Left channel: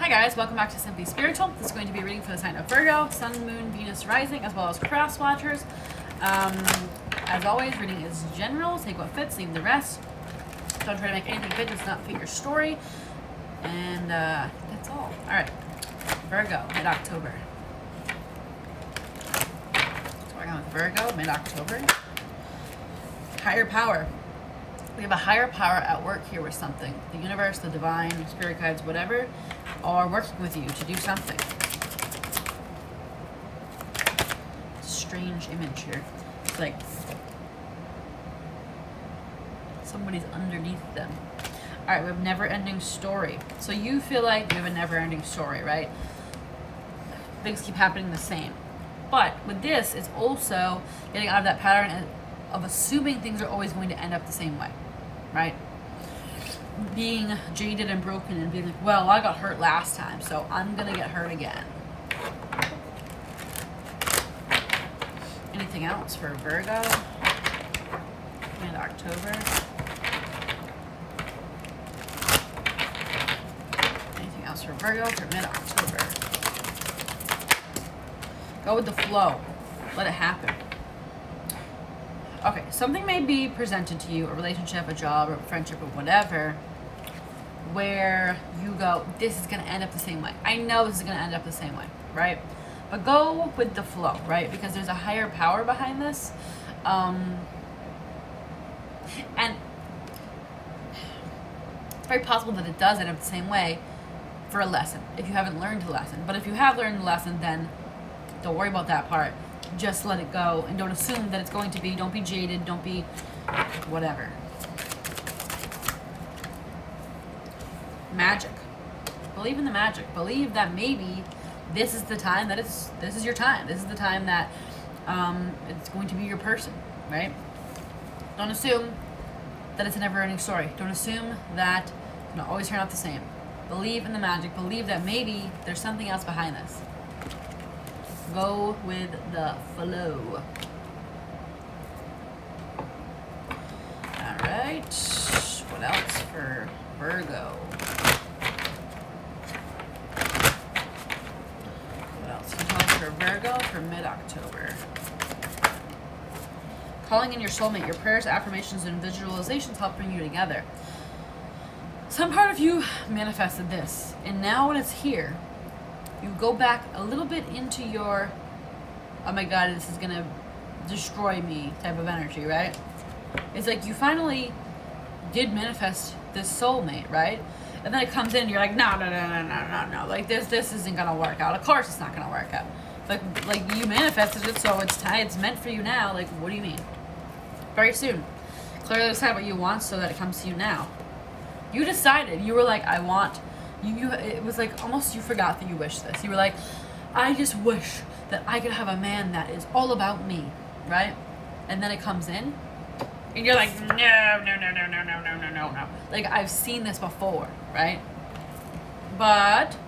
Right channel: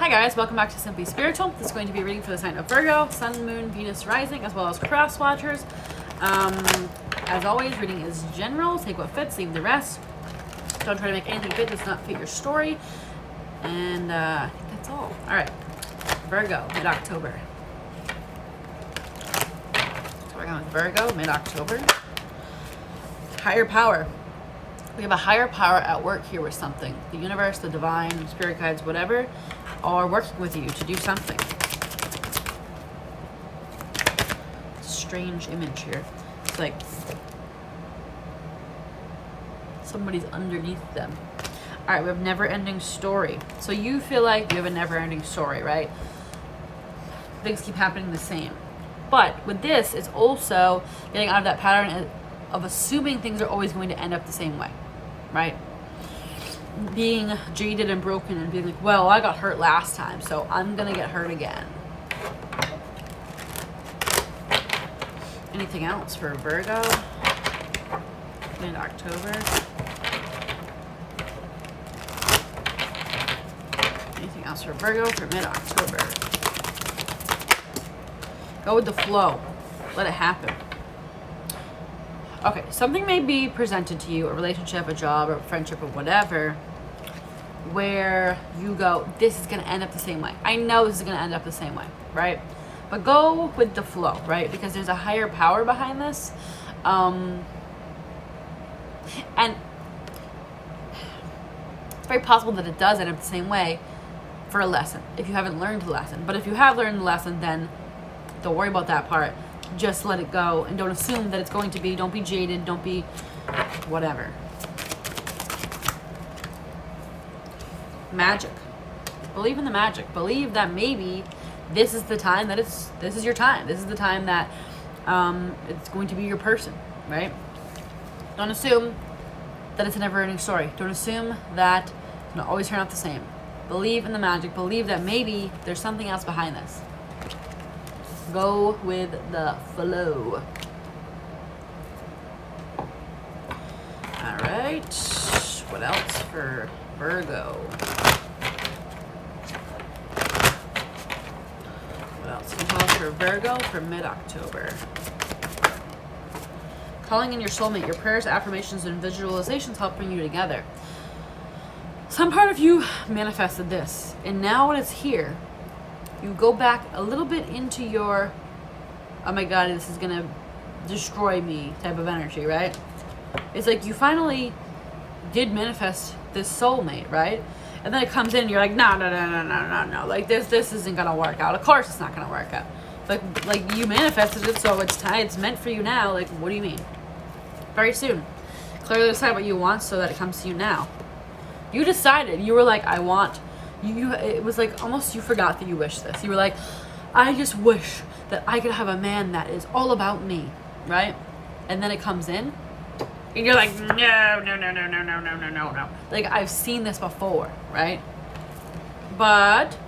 Hi guys, welcome back to Simply Spiritual. This is going to be a reading for the sign of Virgo, Sun, Moon, Venus, Rising, as well as cross watchers. As always, reading is general. Take what fits, leave the rest. Don't try to make anything fit that's not fit your story. And that's all. Alright, Virgo, mid-October. So we're going with Virgo, mid-October. Higher power. We have a higher power at work here with something. The universe, the divine, spirit guides, whatever, are working with you to do something. Strange image here. It's like somebody's underneath them. All right, we have never-ending story. So you feel like you have a never-ending story, right? Things keep happening the same. But with this, it's also getting out of that pattern of assuming things are always going to end up the same way, right? Being jaded and broken and being like, well, I got hurt last time, so I'm gonna get hurt again. Anything else for Virgo? Mid-October. Anything else for Virgo for mid-October? Go with the flow. Let it happen. Okay, something may be presented to you, a relationship, a job, or a friendship, or whatever, where you go, this is going to end up the same way. I know this is going to end up the same way, right? But go with the flow, right? Because there's a higher power behind this. And it's very possible that it does end up the same way for a lesson, if you haven't learned the lesson. But if you have learned the lesson, then don't worry about that part. Just let it go and don't assume that it's going to be. Don't be jaded. Don't be whatever. Magic. Believe in the magic. Believe that maybe this is the time that this is your time. This is the time that it's going to be your person, right? Don't assume that it's a never-ending story. Don't assume that it'll always turn out the same. Believe in the magic. Believe that maybe there's something else behind this. Go with the flow. All right. What else for Virgo? What else for Virgo for mid-October? Calling in your soulmate. Your prayers, affirmations, and visualizations help bring you together. Some part of you manifested this, and now when it's here, you go back a little bit into your, oh my God, this is going to destroy me type of energy, right? It's like you finally did manifest this soulmate, right? And then it comes in and you're like, no. Like this isn't going to work out. Of course it's not going to work out. Like you manifested it, so it's time. It's meant for you now. Like, what do you mean? Very soon. Clearly decide what you want so that it comes to you now. You decided. You were like, I want... it was like almost you forgot that you wished this. You were like, I just wish that I could have a man that is all about me, right? And then it comes in, and you're like, no. Like, I've seen this before, right? But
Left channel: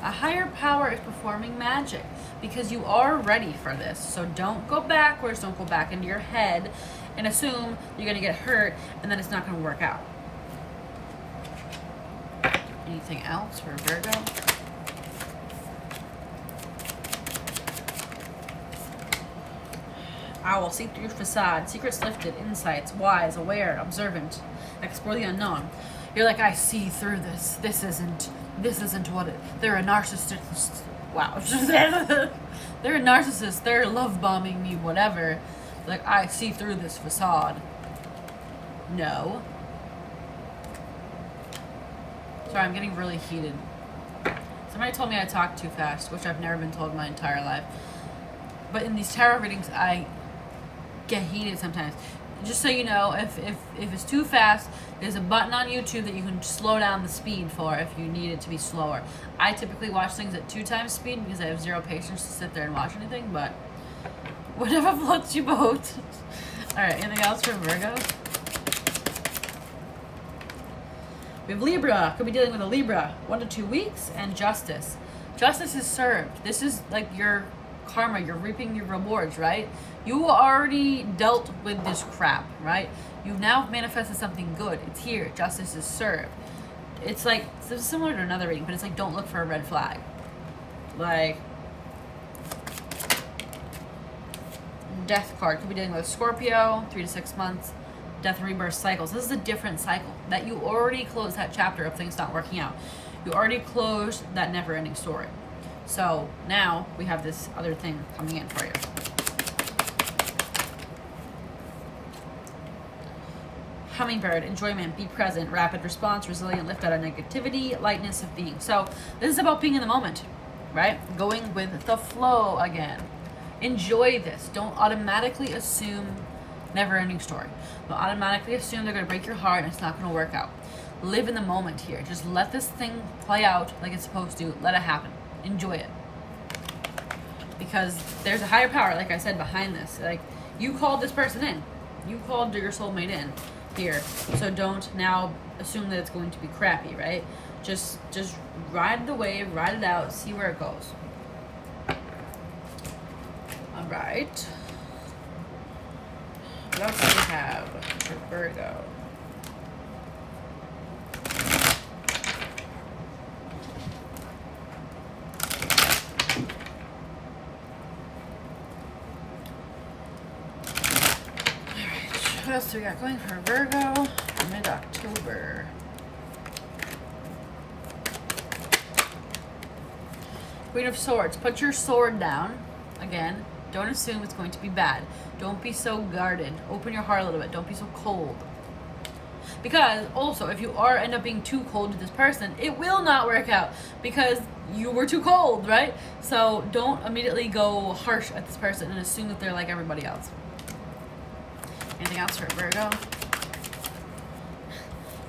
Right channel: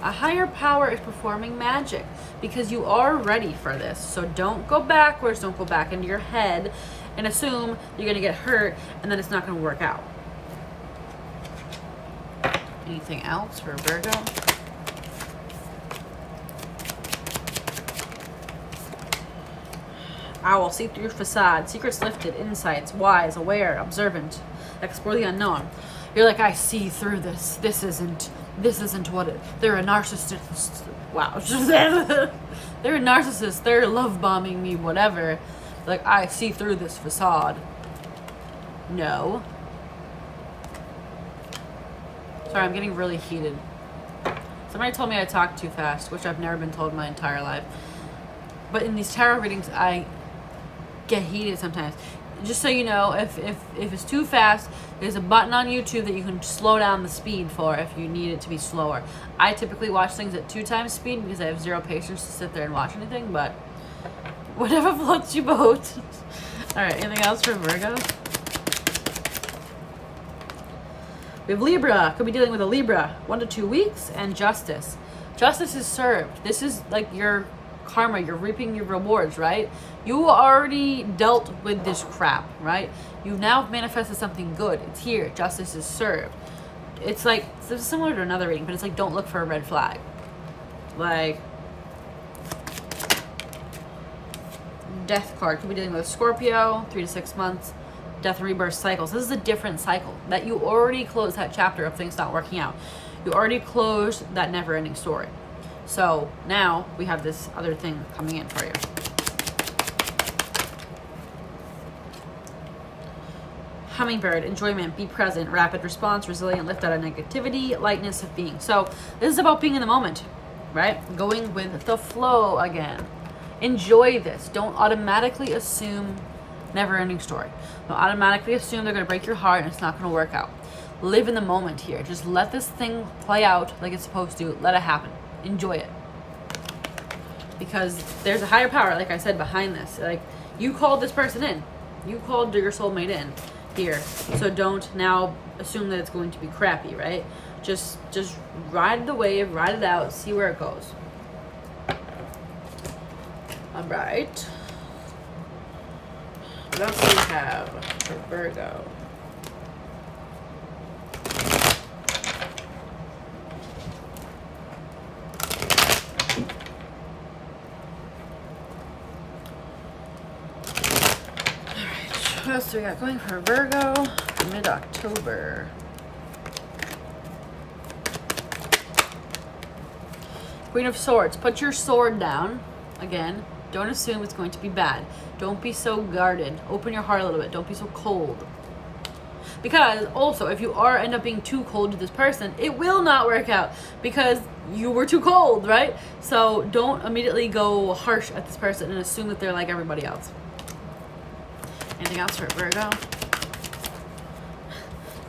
a higher power is performing magic because you are ready for this. So don't go backwards. Don't go back into your head and assume you're going to get hurt and then it's not going to work out. Anything else for Virgo? Owl, see through facade, secrets lifted, insights, wise, aware, observant, explore the unknown. You're like, I see through this. This isn't what it. They're a narcissist. Wow. They're a narcissist. They're love bombing me, whatever. Like, I see through this facade. No. Sorry, I'm getting really heated. Somebody told me I talk too fast, which I've never been told my entire life. But in these tarot readings, I get heated sometimes. Just so you know, if it's too fast, there's a button on YouTube that you can slow down the speed for if you need it to be slower. I typically watch things at 2 times speed because I have zero patience to sit there and watch anything, but whatever floats your boat. Alright, anything else for Virgo? We have Libra. Could be dealing with a Libra. 1 to 2 weeks. And justice. Justice is served. This is like your karma. You're reaping your rewards, right? You already dealt with this crap, right? You've now manifested something good. It's here. Justice is served. it's like, this is similar to another reading, but it's like, don't look for a red flag. Like, death card could be dealing with Scorpio, 3 to 6 months, death and rebirth cycles. This is a different cycle that you already closed that chapter of things not working out. You already closed that never-ending story. So now we have this other thing coming in for you. Hummingbird, enjoyment, be present, rapid response, resilient, lift out of negativity, lightness of being. So this is about being in the moment, right? Going with the flow again. Enjoy this. Don't automatically assume never-ending story. Don't automatically assume they're going to break your heart and it's not going to work out. Live in the moment here. Just let this thing play out like it's supposed to. Let it happen. Enjoy it. Because there's a higher power, like I said, behind this. Like, you called this person in. You called your soulmate in here. So don't now assume that it's going to be crappy, right? Just ride the wave, ride it out, see where it goes. All right. What else do we have for Virgo? What else do we got going for Virgo? Mid-October. Queen of Swords. Put your sword down. Again, don't assume it's going to be bad. Don't be so guarded. Open your heart a little bit. Don't be so cold. Because also, if you end up being too cold to this person, it will not work out because you were too cold, right? So don't immediately go harsh at this person and assume that they're like everybody else. Anything else for Virgo?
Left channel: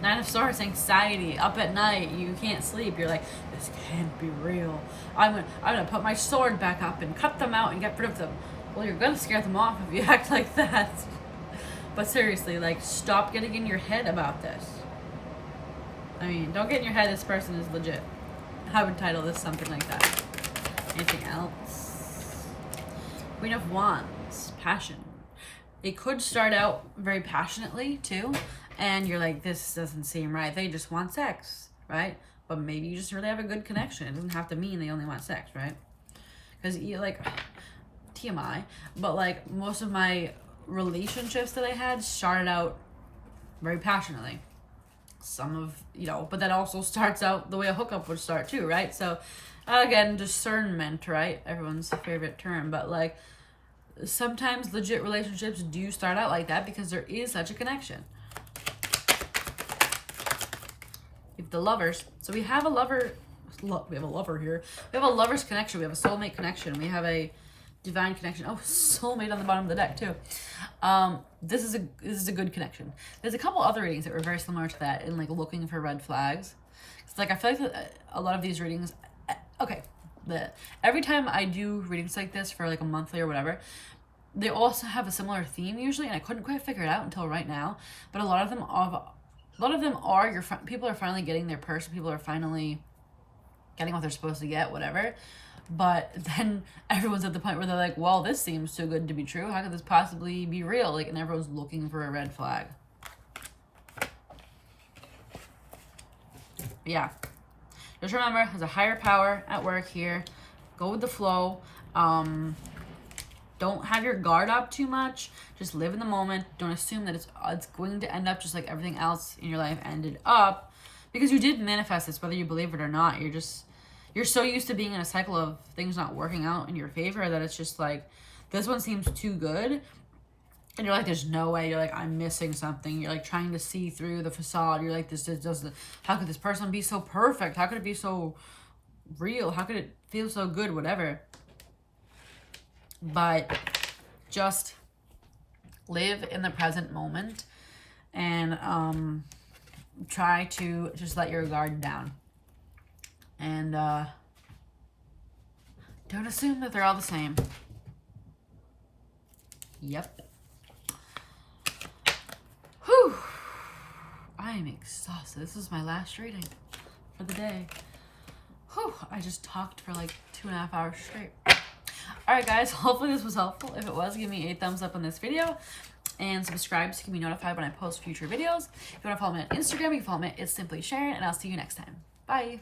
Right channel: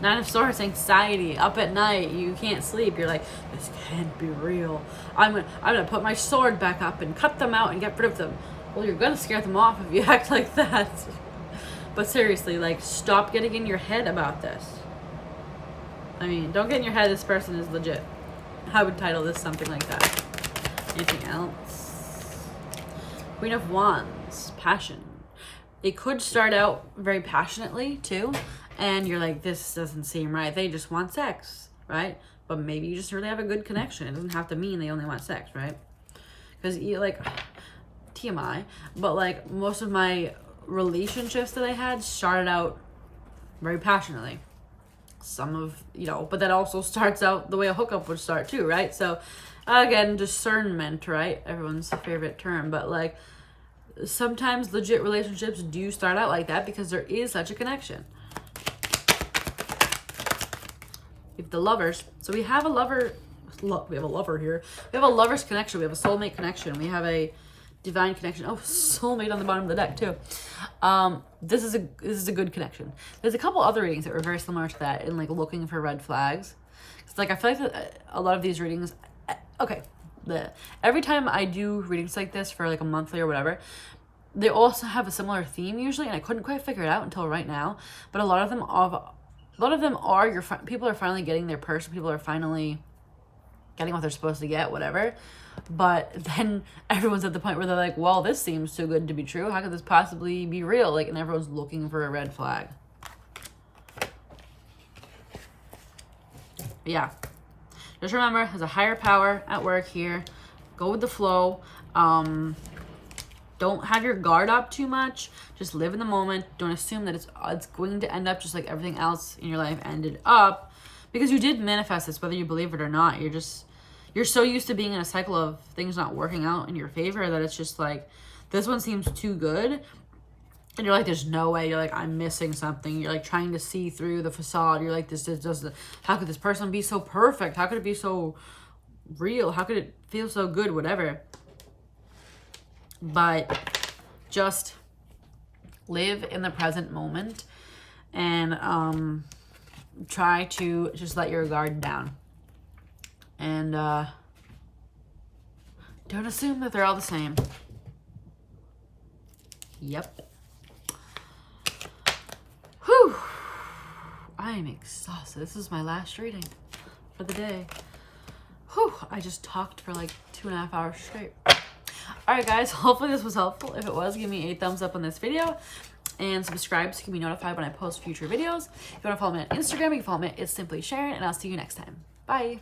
Nine of Swords, anxiety. Up at night, you can't sleep. You're like, this can't be real. I'm gonna put my sword back up and cut them out and get rid of them. Well, you're gonna scare them off if you act like that. But seriously, like, stop getting in your head about this. I mean, don't get in your head this person is legit. I would title this something like that. Anything else? Queen of Wands, passion. It could start out very passionately too, and you're like, this doesn't seem right. They just want sex, right? But maybe you just really have a good connection. It doesn't have to mean they only want sex, right? Because you like, TMI, but like most of my relationships that I had started out very passionately. Some of, but that also starts out the way a hookup would start too, right? So again, discernment, right? Everyone's favorite term, but like, sometimes legit relationships do start out like that because there is such a connection. If the lovers, so we have a lover, we have a lover here. We have a lover's connection. We have a soulmate connection. We have a divine connection. Oh, soulmate on the bottom of the deck too. This is a good connection. There's a couple other readings that were very similar to that in like looking for red flags. It's like I feel like a lot of these readings. Okay. Every time I do readings like this for like a monthly or whatever, they also have a similar theme usually, and I couldn't quite figure it out until right now. But a lot of them are your people are finally getting their person. People are finally getting what they're supposed to get, whatever. But then everyone's at the point where they're like, well, this seems too good to be true. How could this possibly be real? Like, and everyone's looking for a red flag. Yeah. Just remember, there's a higher power at work here. Go with the flow. Don't have your guard up too much. Just live in the moment. Don't assume that it's going to end up just like everything else in your life ended up. Because you did manifest this, whether you believe it or not. You're so used to being in a cycle of things not working out in your favor that it's just like, this one seems too good. And you're like, there's no way. You're like, I'm missing something. You're like trying to see through the facade. You're like, this doesn't, how could this person be so perfect? How could it be so real? How could it feel so good? Whatever. But just live in the present moment and try to just let your guard down. And don't assume that they're all the same. Yep. Whew. I am exhausted. This is my last reading for the day. Whew. I just talked for like 2.5 hours straight. Alright guys, hopefully this was helpful. If it was, give me a thumbs up on this video. and subscribe so you can be notified when I post future videos. If you want to follow me on Instagram, you can follow me at It's Simply Sharon, and I'll see you next time. Bye.